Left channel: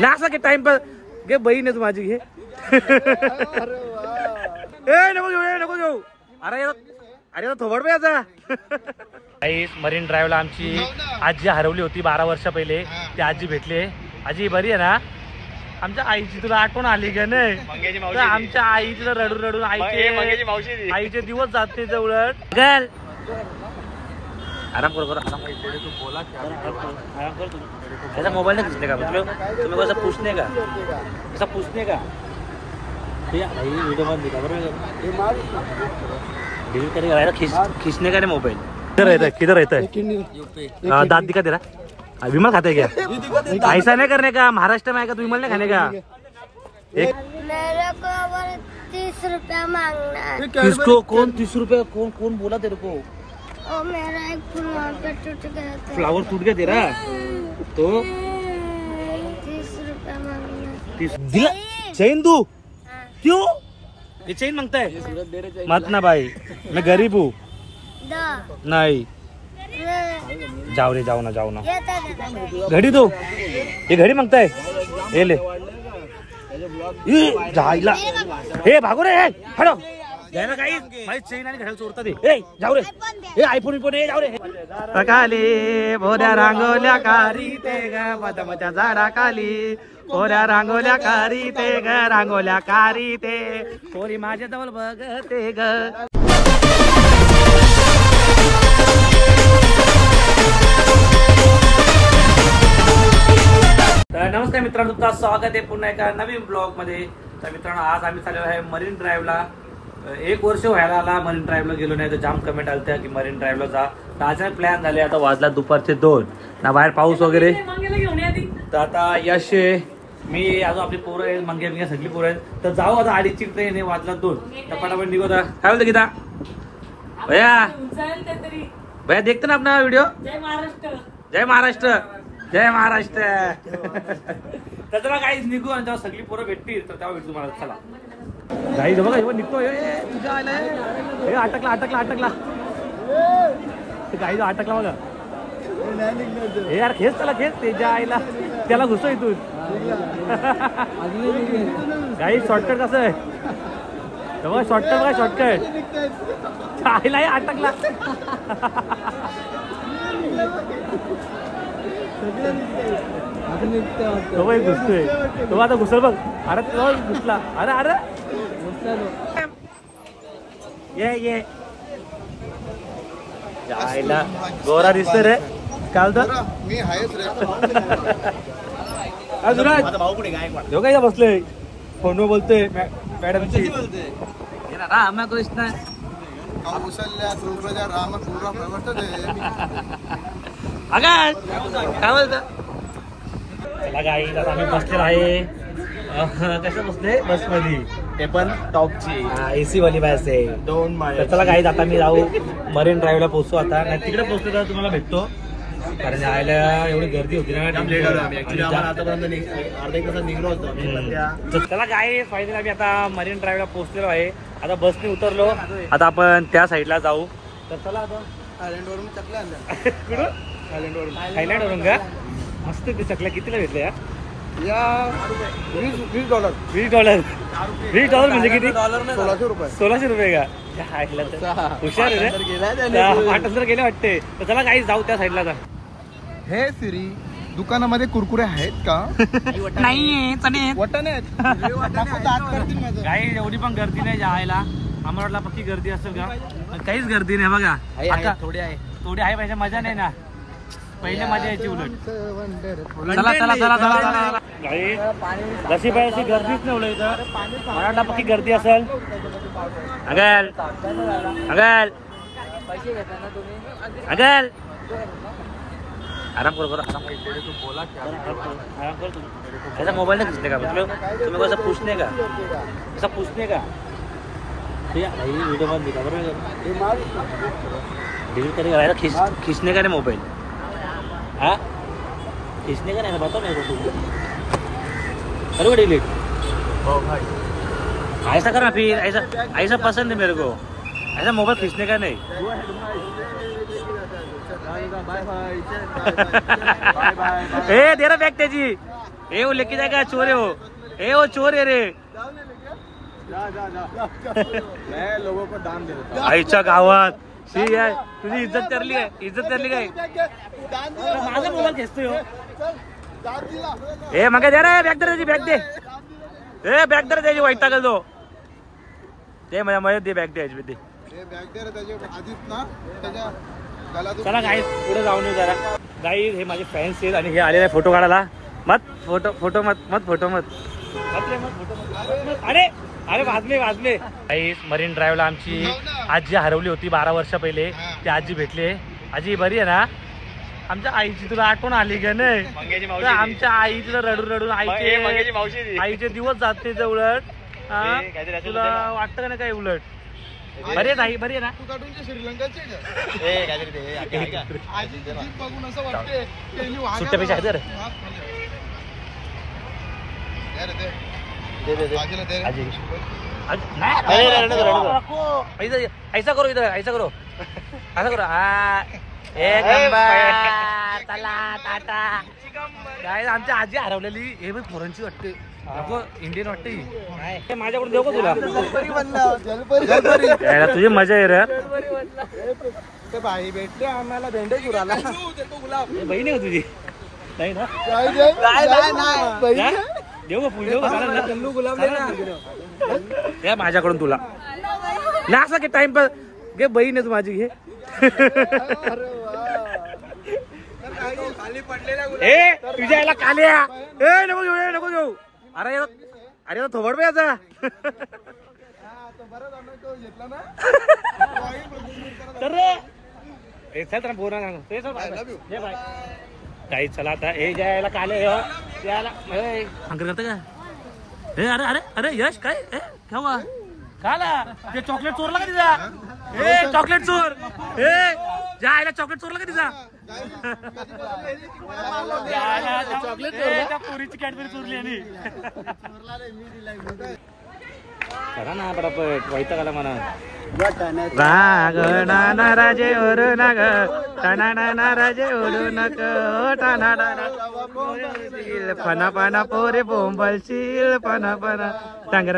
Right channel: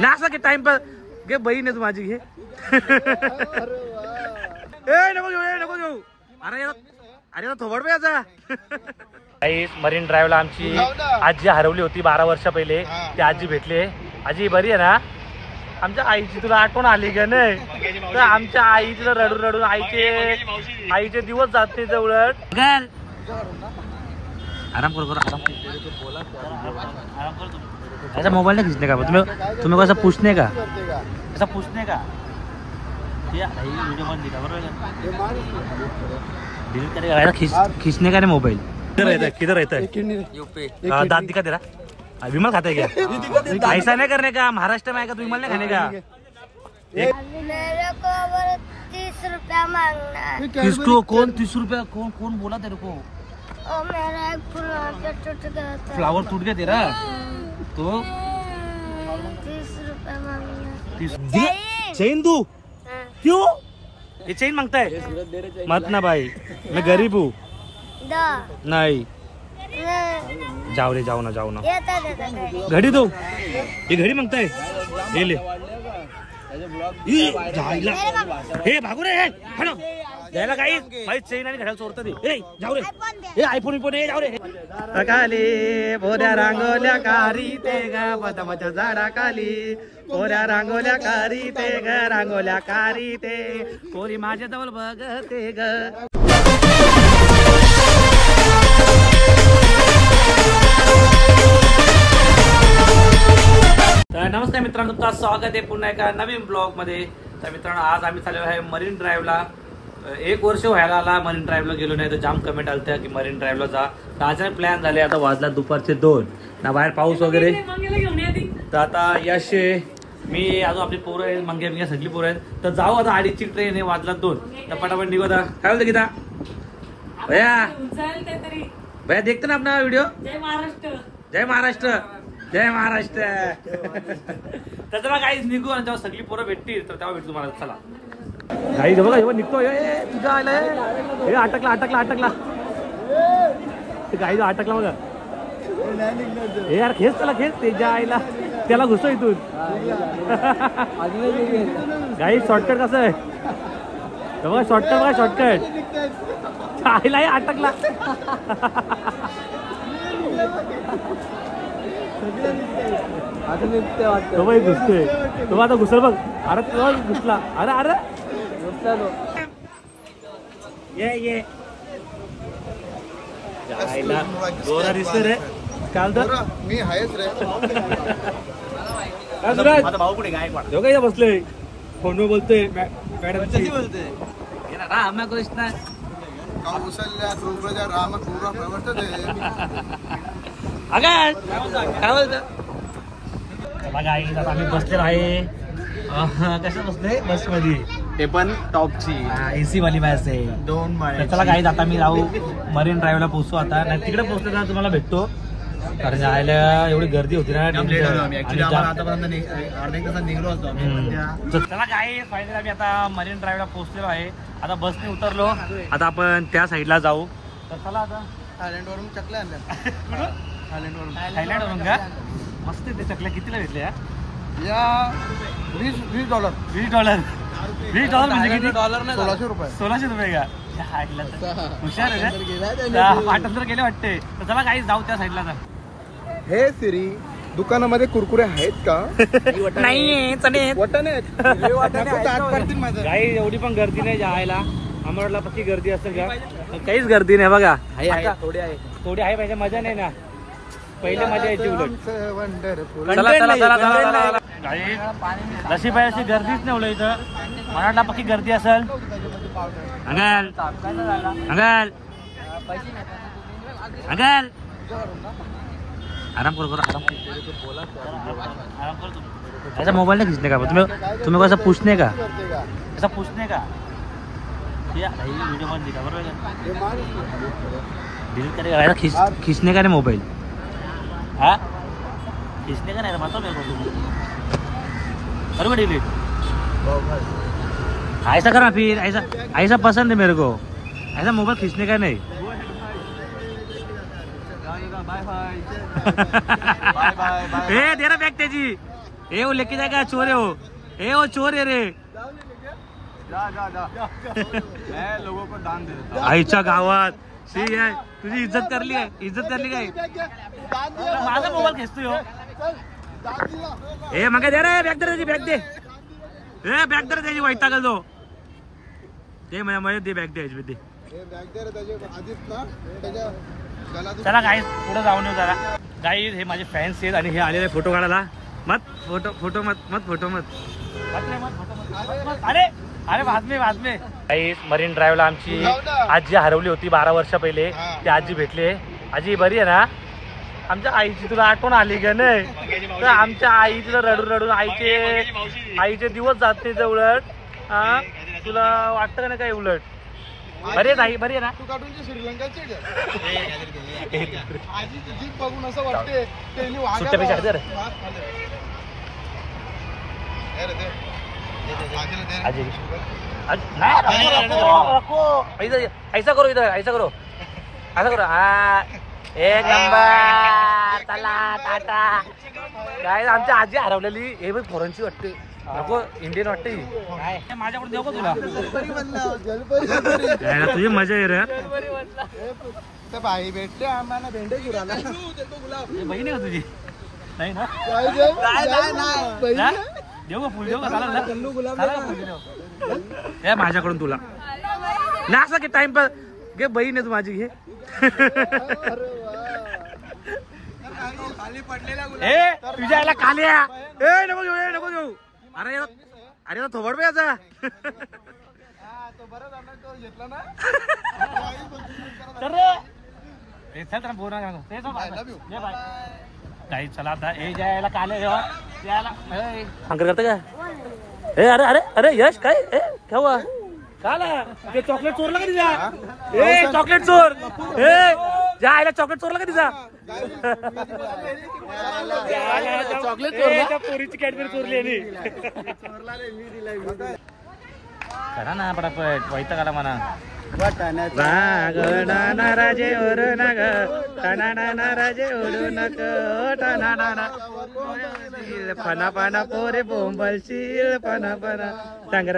ना की टाइमपास घे, बहीण आहे तू माझी, घे. नको घेऊ. अरे थोबड पे याचा. मरीन ड्राईव्हला आमची आजी हरवली होती 12 वर्ष पहिले. ती आजी भेटली. आजी बरी आहे ना? आमच्या आईची तुला आठवण आली का नाही? तर आमच्या आईची रडून रडून आईचे दिवस जाते जवळ. आराम करो ऐसा मोबाईल नाही खींचने का. तुम्ही कसं पूछने का, ऐसा पूछने का. वीडियो बंद दिखा बरोबर डिलीट करेगा. खींचने का नहीं मोबाइल. किधर रहता है दांत दिखा दे रहा. विमल खाता है क्या? ऐसा नहीं करने का. महाराष्ट्र में आएगा तो विमल नहीं खाने का. मेरे को 30 रुपया मांगना. किसको? कौन 30 रुपया? कौन बोला तेरे को? मेरा एक फ्लावर टूट गया. फ्लावर टूट गया तेरा तो 30 रुपया मांगना. 30 चेन दू. क्यों ये चेन मांगता है? मत ना भाई, मैं गरीब हूँ. नहीं जाओ रे, जाओ ना. घड़ी दो. ये घड़ी मांगता है. ये ले. हे भागो रे, हटो. जायला काही भाई चेन आणि घड्याळ चोरता दे. जाऊ रे. हे आयफोन जाऊ रे. काली भोऱ्या रांगोल्या कारी ते ग पदमच्या जरा काली. भोऱ्या रांगोल्या कारी ते ग रांगोल्या कारी ते. कोरी माझ्या जवळ बघते ग. तर नमस्कार मित्रांनो, तुमचं स्वागत आहे पुन्हा एका नवीन ब्लॉग मध्ये. तर मित्रांनो, आज आम्ही चाललेलो आहे मरीन ड्राईव्हला. 1 वर्ष व्हायला आला मरीन ड्राईव्हला गेलो नाही. तर जाम कमेंट आलत्या की मरीन ड्राईव्हला जा. तर अचानक प्लॅन झाले. आता वाजला दुपारचे 2 ना, बाहेर पाऊस वगैरे. तर आता यश, मी अजून आपली पोरं आहेत, मंग्या सगळी पोरं आहेत. तर जाऊ आता. 2:30ची ट्रेन आहे, वाजला 2. तर पटापट निघू. आता काय बोलतो गीता भैया? भैया देखते ना अपना व्हिडिओ. जय महाराष्ट्र, जय महाराष्ट्र, जय महाराष्ट्र. तर चला काहीच निघू. आणि जेव्हा सगळी पोरं भेटतील तर तेव्हा भेटू तुम्हाला. चला गाई बघा, निघतो. तुझा आलाय. अटकला गाई, अटकला बघा. हे यार खेच त्याला, खेच त्याच्या आईला. त्याला घुसतो इथून. गाई शॉर्टकट कसं आहे बघा. शॉर्टकट आईला अटकला. घुसतोय तो. आता घुसल बघ. अरे तो घुसला. अरे ये आईला गोरा दिसतोय रे. काल तर मी आहेच रे. भाऊ कुठे काय बसले फोनवर बोलतोय मॅडम. रामकृष्ण कौशल्या सुप्रजा रामपूर्व प्रवर्तते. काय बोलत आम्ही बसलेलो आहे. कसं बसले बस मध्ये, ते पण टॉपची एसी वाली बस आहे. 2 माळे. चला काही आता मी जाऊ मरीन ड्राईव्हला पोहोचतो. आता नाही तिकडे पोहोचतो तर तुम्हाला भेटतो. कारण जायला एवढी गर्दी होती ना. आतापर्यंत अर्धा 1 तास निघलो असतो आम्ही. चला काय फायनली आम्ही आता मरीन ड्राईव्हला पोहोचलेलो आहे. आता बसने उतरलो. आता आपण त्या साईडला जाऊ. तर चला आता. थायलंड वरून चकल्या आणल्या. कुठं? थायलंड वरून का? मस्त ते चकल्या. कितीला घेतल्या या? $20. $20 म्हणजे किती? $1600. $1600 का? हुशार आहे रे. 8 गेले वाटते. तर चला काही जाऊ त्या साईडला. हे सिरी, दुकानामध्ये कुरकुरे आहेत का? नाही वाटाणे काही एवढी पण गर्दी नाही जायला. आम्हाला पक्की गर्दी असेल का? काहीच गर्दी नाही बघा. थोडी आहे पाहिजे. मजा नाही ना. पहिले मजा यायची उलट. चला गाडी जशी पाहिजे गर्दीच नाही उलट. इथं मराठा पक्की गर्दी असेल. अंगल आराम करो. ऐसा मोबाईल नाही खींचने का. तुम्ही कसं पूछने का, ऐसा पूछने का. वीडियो बंद दिखा बरोबर डिलीट करेगा. खींचने का नहीं मोबाइल. हाँ खींचने का नहीं, बताओ मेरे को. करो डिलीट. ऐसा करना फिर. ऐसा पसंद है मेरे को. ऐसा मोबाइल खींचने का नहीं. ए तेरा बॅग त्याची. ए वो लेके जाएगा, चोर है वो, ए वो चोर है रे. मैं लोगों को दान दे देता हूँ. आईच्या गावात ठीक आहे, तुझी इज्जत करली काय, इज्जत करली काय. माझा मोबाईल खेचतोय हो. ए मग दे रे, बॅग दे त्याची, बॅग दे. ए बॅग दे त्याची, वाईट टाकल तो. ते माझ्या दे बॅग द्यायची दे. चला गाईस पुढे जाऊन येऊ जरा. गाईस हे माझे फॅन्स आहेत आणि हे आलेले फोटो काढायला. मत फोटो फोटो मत मत फोटो मत अरे अरे वाजले. गाईस मरीन ड्राईव्हला आमची आजी हरवली होती 12 वर्ष पहिले. ती आजी भेटली. आजी बरी आहे ना? आमच्या आईची तुला आठवण आली का नाही? तर आमच्या आईला रडून रडून आईचे दिवस जाते उलट. तुला वाटतं का नाही काय उलट? बरी आहे आई, बरी आहे ना? सुट्ट्यापेक्षा ऐसा करो इधर, ऐसा करो, ऐसा करो. हा एक नंबर. चला टाटा. काय आमच्या आजी हरवलेली. हे बघ फॉरेनची वाटते, नको इंडियन वाटते. काय माझ्याकडून देऊ का तुला? तुझी मजा आहे रे. भाई भेटले आम्हाला, भेंडे उराला. बहीण आहे का तुझी? नाही ना? देऊ का फुल, देऊ का? चालेल ना? चालेल फुल देऊ. हे माझ्याकडून तुला ना असं की टाइमपास घे. बहीण आहे तू माझी, घे. ए तुझ्या आईला काल्या. ए नको घेऊ, नको घेऊ. अरे अरे थोबड पे आता. चल तर बोल ना काही. चला आता हे जायला काले याला हंकर करतं का? ए अरे अरे अरे यश काय काय हुआ? काला ते चॉकलेट चोरला का तिचा? ए चॉकलेट चोर. ए जा आईला चॉकलेट चोरला का तिचा? त्या पोरीची कॅडबरी चोरली आणि करा ना पटापट. वैताग आला म्हणा. राजे ओरू नग राजे ओरू नक पना पना पोरे बोंबलशील पना पना टांगर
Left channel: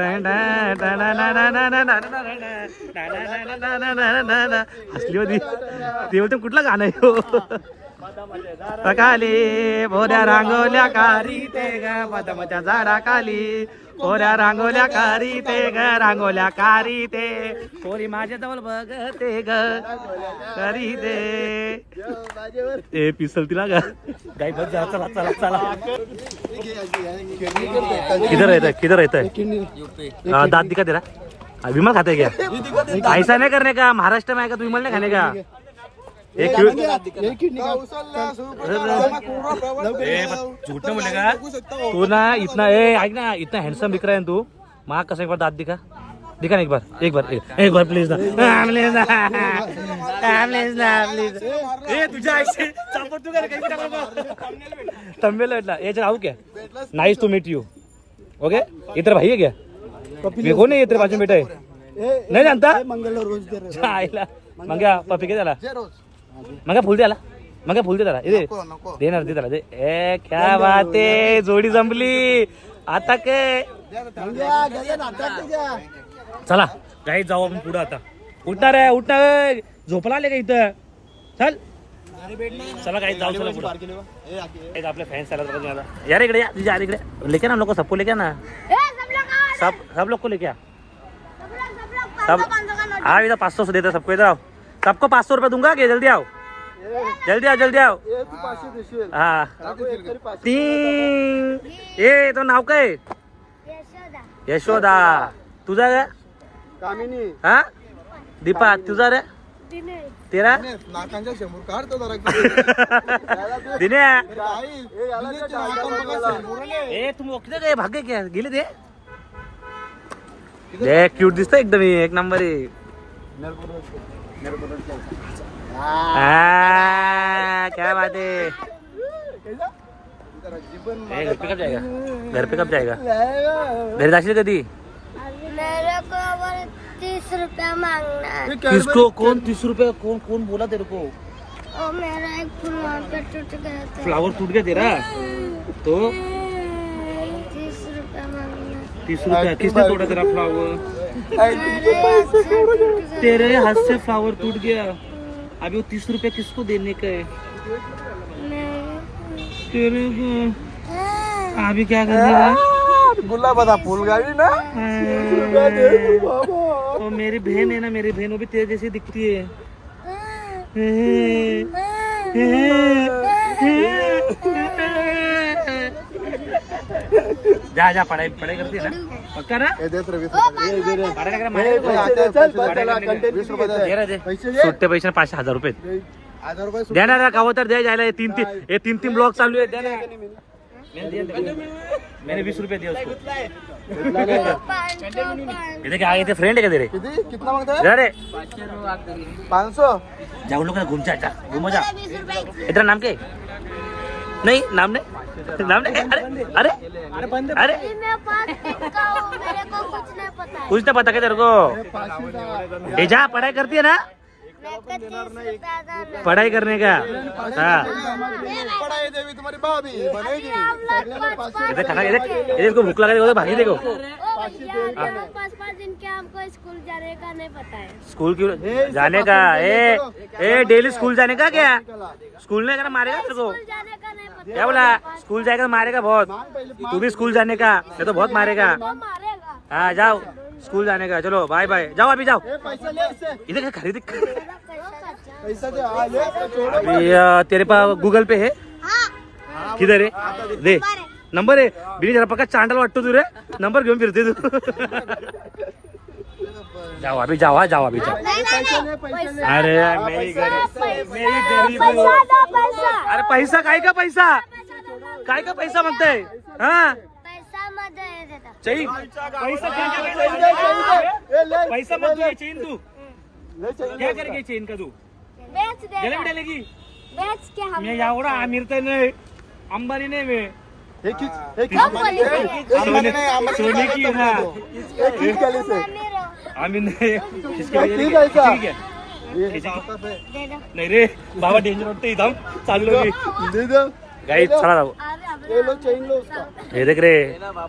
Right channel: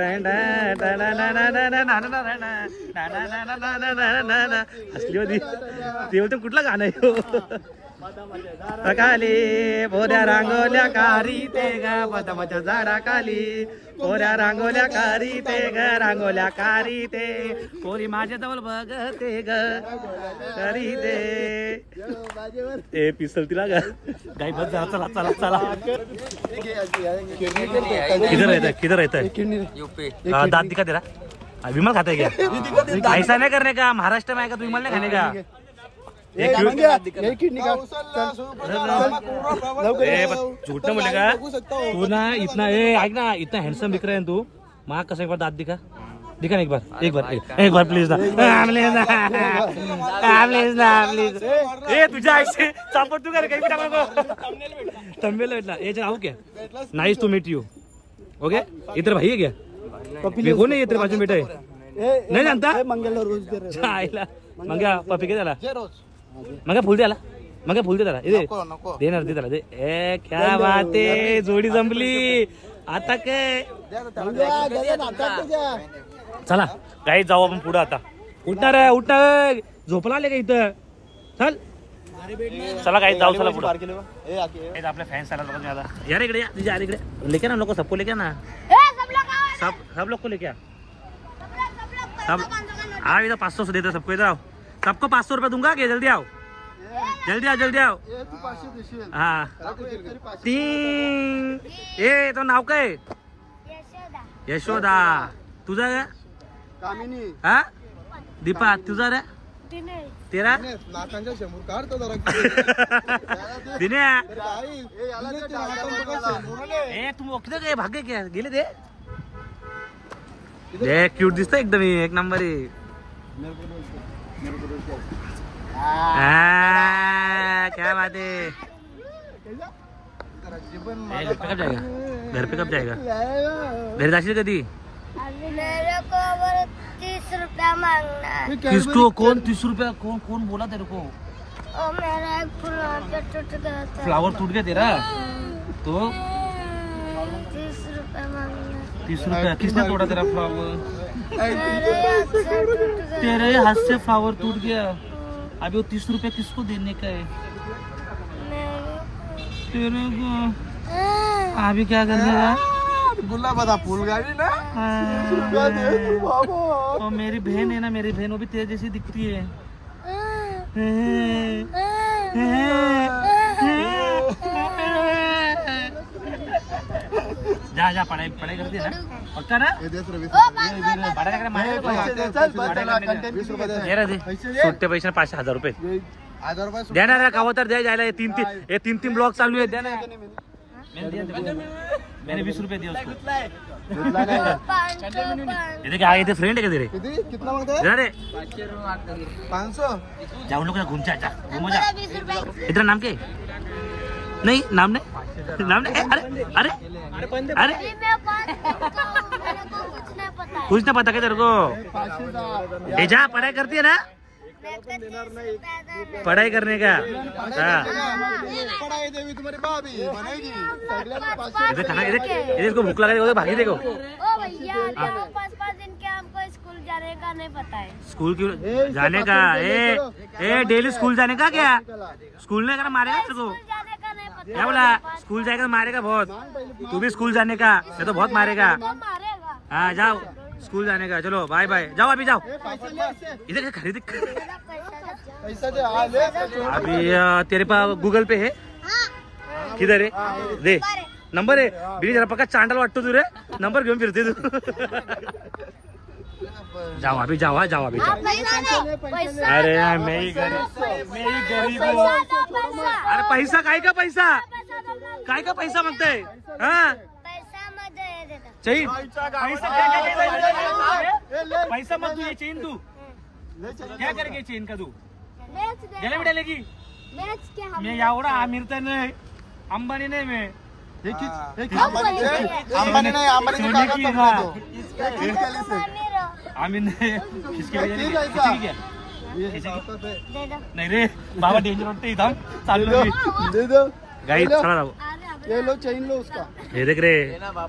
हसली होती ती. होते कुठला गाणं आहे? काली भोऱ्या रांगोल्या कारी ते ग पदमच्या झारा खाली. पोऱ्या रांगोल्या कारी ते ग, रांगोल्या कारी ते. पोरी माझ्या जवळ बघते ग करी दे. ए पिसल तिला ग. गाई बस जरा. चला चला चला. किधर रहता है, किधर रहता है? दांत दिखा दे रहा. विमल खाता है क्या? ऐसा नहीं करने का. महाराष्ट्र में आएगा तो विमल नहीं खाने का. झूठ बोलने का तू ना. इतना ऐक ना, इतना हँडसम दिख रहा है तू. माँ कसं एक बार दांत दिखा, दिखा ना एक बार, एक बार प्लीज ना. प्लीज ना प्लीज. ए तुझ्या आईचे चापट तू कर. काही टाकू थंबनेल भेटला. याच्या राहू क्या? Nice to meet you. Okay इधर भाई है क्या? मेरे को नहीं इधर बाजू बेटा है. नहीं जानता? आईला मंग्या पपी के झाला. मग फुल द्याला, मग फुल दे त्याला. देणार दे त्याला दे. ए क्या बात आहे, जोडी जमली आता काय. चला काही जाऊ आपण पुढे आता. उठणार आहे, उठणार. झोपला आले का इथं? चल चला काही जाऊ. चला पुढे. आपले फॅन्स आला यार. इकडे या तुझ्या इकडे. लेके ना लोक सबको लेके ना. सब लोग को लेके आ. सब हाँ इधर 500 देता सबको. इधर आओ. सबको 500 रुपये दूंगा. कि जल्दी आओ, जल्दी आओ, जल्दी आओ. हाँ 3. ए तो नाव काय? यशोदा. तुझा काय? कामिनी. हा दीपा. तुझा रे? तेरा? दिने. ए तुम किती काय भाग्य क्या गेले ते? देख क्यूट दिसतं एकदम. एक नंबर आहे. क्या बात है. घर पे कब जाएगा? घर पे कब जाएगा? घर जाशील कधी? मेरे को 30 रुपया मांगना है. किसको? कौन 30 रुपया? कौन बोला तेरे को? और मेरा एक फ्लावर टूट गया था. फ्लावर टूट गया तेरा? तो 30 रुपया मांगना। 30 रुपया? किसने तोड़ा तेरा फ्लावर? मेरे हाथ से टूट गया। तेरे हाथ से फ्लावर टूट गया। अभी वो 30 रुपया किसको देने का है? तेरे को। अभी क्या करने? गुलाब का फूल गाड़ी ना। और मेरी बहन है ना, मेरी बहन वो भी तेरे जैसी दिखती है। जा जा, पढ़ाई करती है ना पक्का ना? सुट्टे पैसे 5,000 रुपये द्या ना का तर द्या जायला. 3 ब्लॉक चालू आहे. द्या ना. मैंने 20 रुपये दिया उसको. ये क्या ये फ्रेंड है क्या तेरे? कितना मांगता है? अरे 500. जा उन लोग घूम जा, घूमो जा. इतना नाम के नहीं, नाम नहीं. अरे अरे अरे कुछ नहीं पता क्या तेरे को? जा पढ़ाई करती है ना? पढ़ाई करने का. हाँ देवी तुम्हारी भाभी बनेगी. इसको भूख लगा देखो, भागी देखो. 5-5 दिन के हमको स्कूल जाने का नहीं पता है. स्कूल क्यों जाने का? ए डेली स्कूल जाने का? क्या स्कूल नहीं करना मारेगा तेरे को? जाने का नहीं पता. क्या बोला? स्कूल जाएगा तो मारेगा बहुत. तू भी स्कूल जाने का नहीं तो बहुत मारेगा. मारेगा. हाँ जाओ स्कूल जाने का. चलो बाय बाय. जाओ अभी जाओ. पैसा ले इससे. इधर खरीद. पैसा दे. अभी तेरे पास गूगल पे है? किधर है? दे नंबर आहे. बिनी जरा पक्का चांडाल वाटतो तू रे. नंबर घेऊन फिरते तू. जाओ अभी जाओ. जाओ अभी जाओ. अरे मेरी गरीब. अरे पैसा काय का पैसा? काय का पैसा मागताय? हाँ पैसा मध्ये देता. चैन पैसा क्या पैसा मत तू. चेन तू क्या करेगी? चेन का तू बेच दे. गले में डालेगी? बेच के हम. मैं एवढा आमिर तर नाही, अंबानी नाही. मैं अंबानी नहीं. सोनी की. हाँ से आमिर नाही. खिसकी किती खिचकी पैसा? क्या? खिचकी दे दो. नाही रे बाबा, डेंजर वाटतं इथं. चाललो मी गाड़ी. चला जाओ. ले लो. चेन लो उसका. ये देख रे,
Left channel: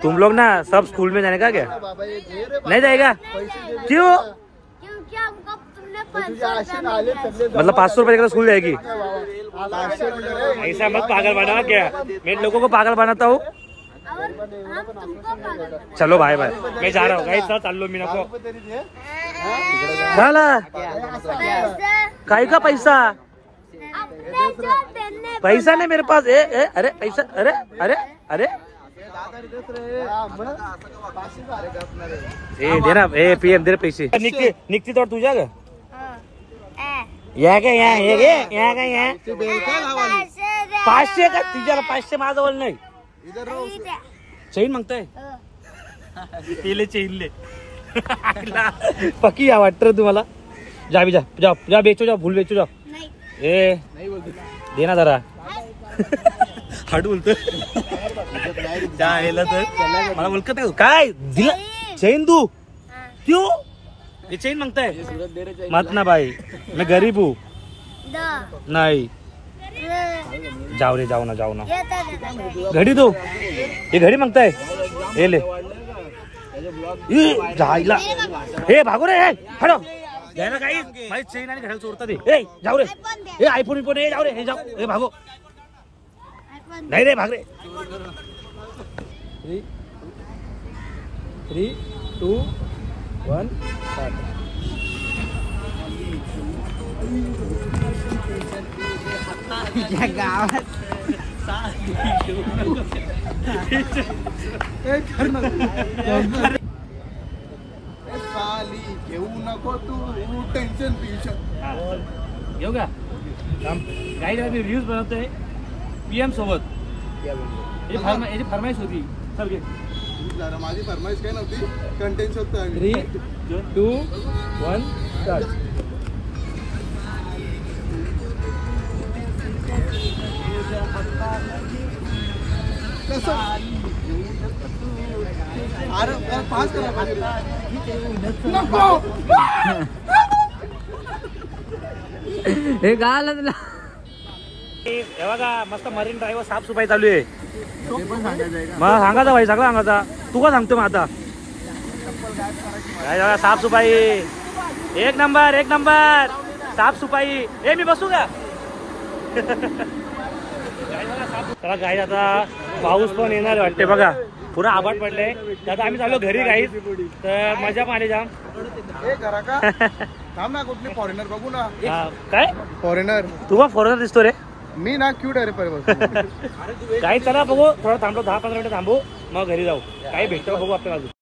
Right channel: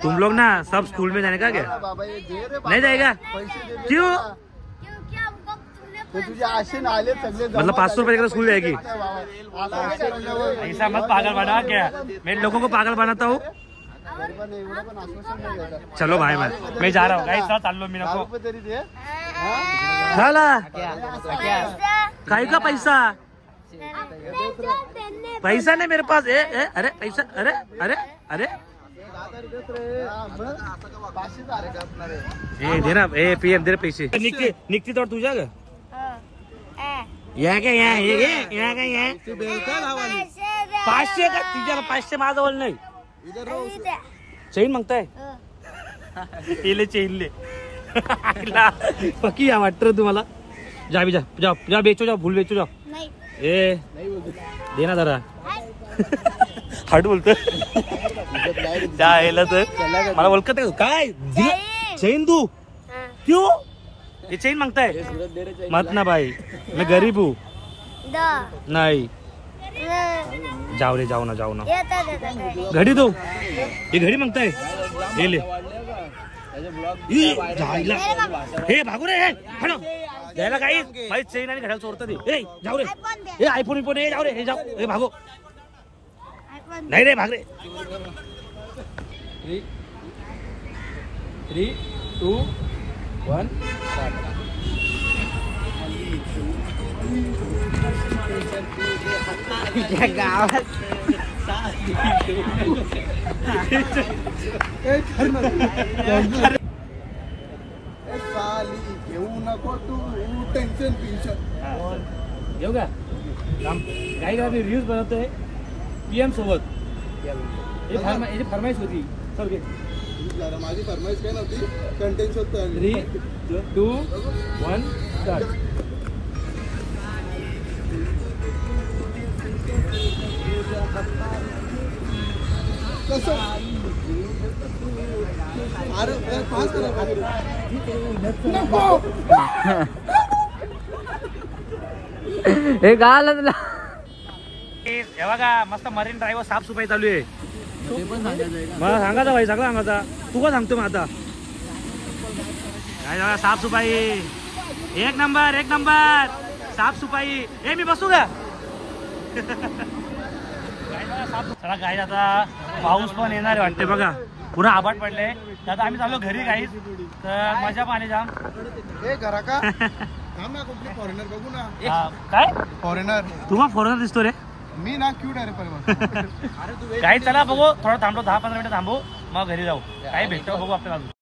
तुम लोग ना सब स्कूल में जाने का क्या? बाबा ये दे रे. नहीं जाएगा? पैसे दे. क्यों? क्योंकि हमको तुमने तुझे आशीन आले सगळे. मतलब 500 रुपए का स्कूल जाएगी? ऐसा मत पागल बना. क्या मैं लोगों को पागल बनाता हूँ? और हम तुमको पागल बना. चलो भाई भाई मैं जा रहा हूँ. गाइस चाललो मी. नको तरी दे. झाला पैसा काय का पैसा? अपने जो देने. पैसा नहीं मेरे पास. अरे पैसा. अरे अरे अरे दे ना. PM दे पैसे. निघती तर तुझ्या ग या काय? या काय? या 500 का? तिच्या 500 माझ्याजवळ नाही. चेन मागताय? ले चेन पक्की या वाटत तुम्हाला? जा भी जा बेचो. जाओ फुल बेचो. जाओ. दे ना जरा. हट बोलतो. यायला तर मला ओळखत नाही. काय दिलं? चेन तू क्यों? ये चेन मांगताय? मत ना भाई, मैं गरीब हूँ. नहीं जाओ रे. जाओ ना. घड़ी दो. ये घड़ी मांगता है. ये ले. जायला हे भागो रे. हटो जायला काही. भाई चेन आणि घड्याळ चोरता ते. जाऊ रे. आयफोन जाऊ रे. जाऊ. भागो. नहीं रे भाग रे. 3, 2, 1. साली घेऊ नको तू टेन्शन. घेऊ का? काही रील्स बनवतोय PM सोबत. याची फरमाईश होती. चल घे. माझी फरमाईश काय नव्हती. कंटेंट शोधतो. 3, 2, 1 स्टार्ट. कसं? अरे पास करा. नको. हे गाल तुला. हे बघा मस्त मरीन ड्राईव्ह साफसफाई चालू आहे. ते पण सांगायचं आहे का? मग सांगायचं भाई सगळं सांगायचा. तू का सांगतो मग आता काय बघा साफसफाई एक नंबर साफसफाई. हे मी बसू का चला गाई आता पाऊस पण येणार वाटते बघा पुन्हा आभाट पडले. आता आम्ही चाललो घरी गाईच तर मजा पाणी जाम. घरा का थांब ना कुठले फॉरेनर बघू ना. काय फॉरेनर तू बा फॉरेनर दिसतो रे. मी ना क्यूट आहे रे काही चला बघू थोडं थांबलो 10-15 मिनिटं थांबू मग घरी जाऊ. काही भेटतो बघू आपल्याला.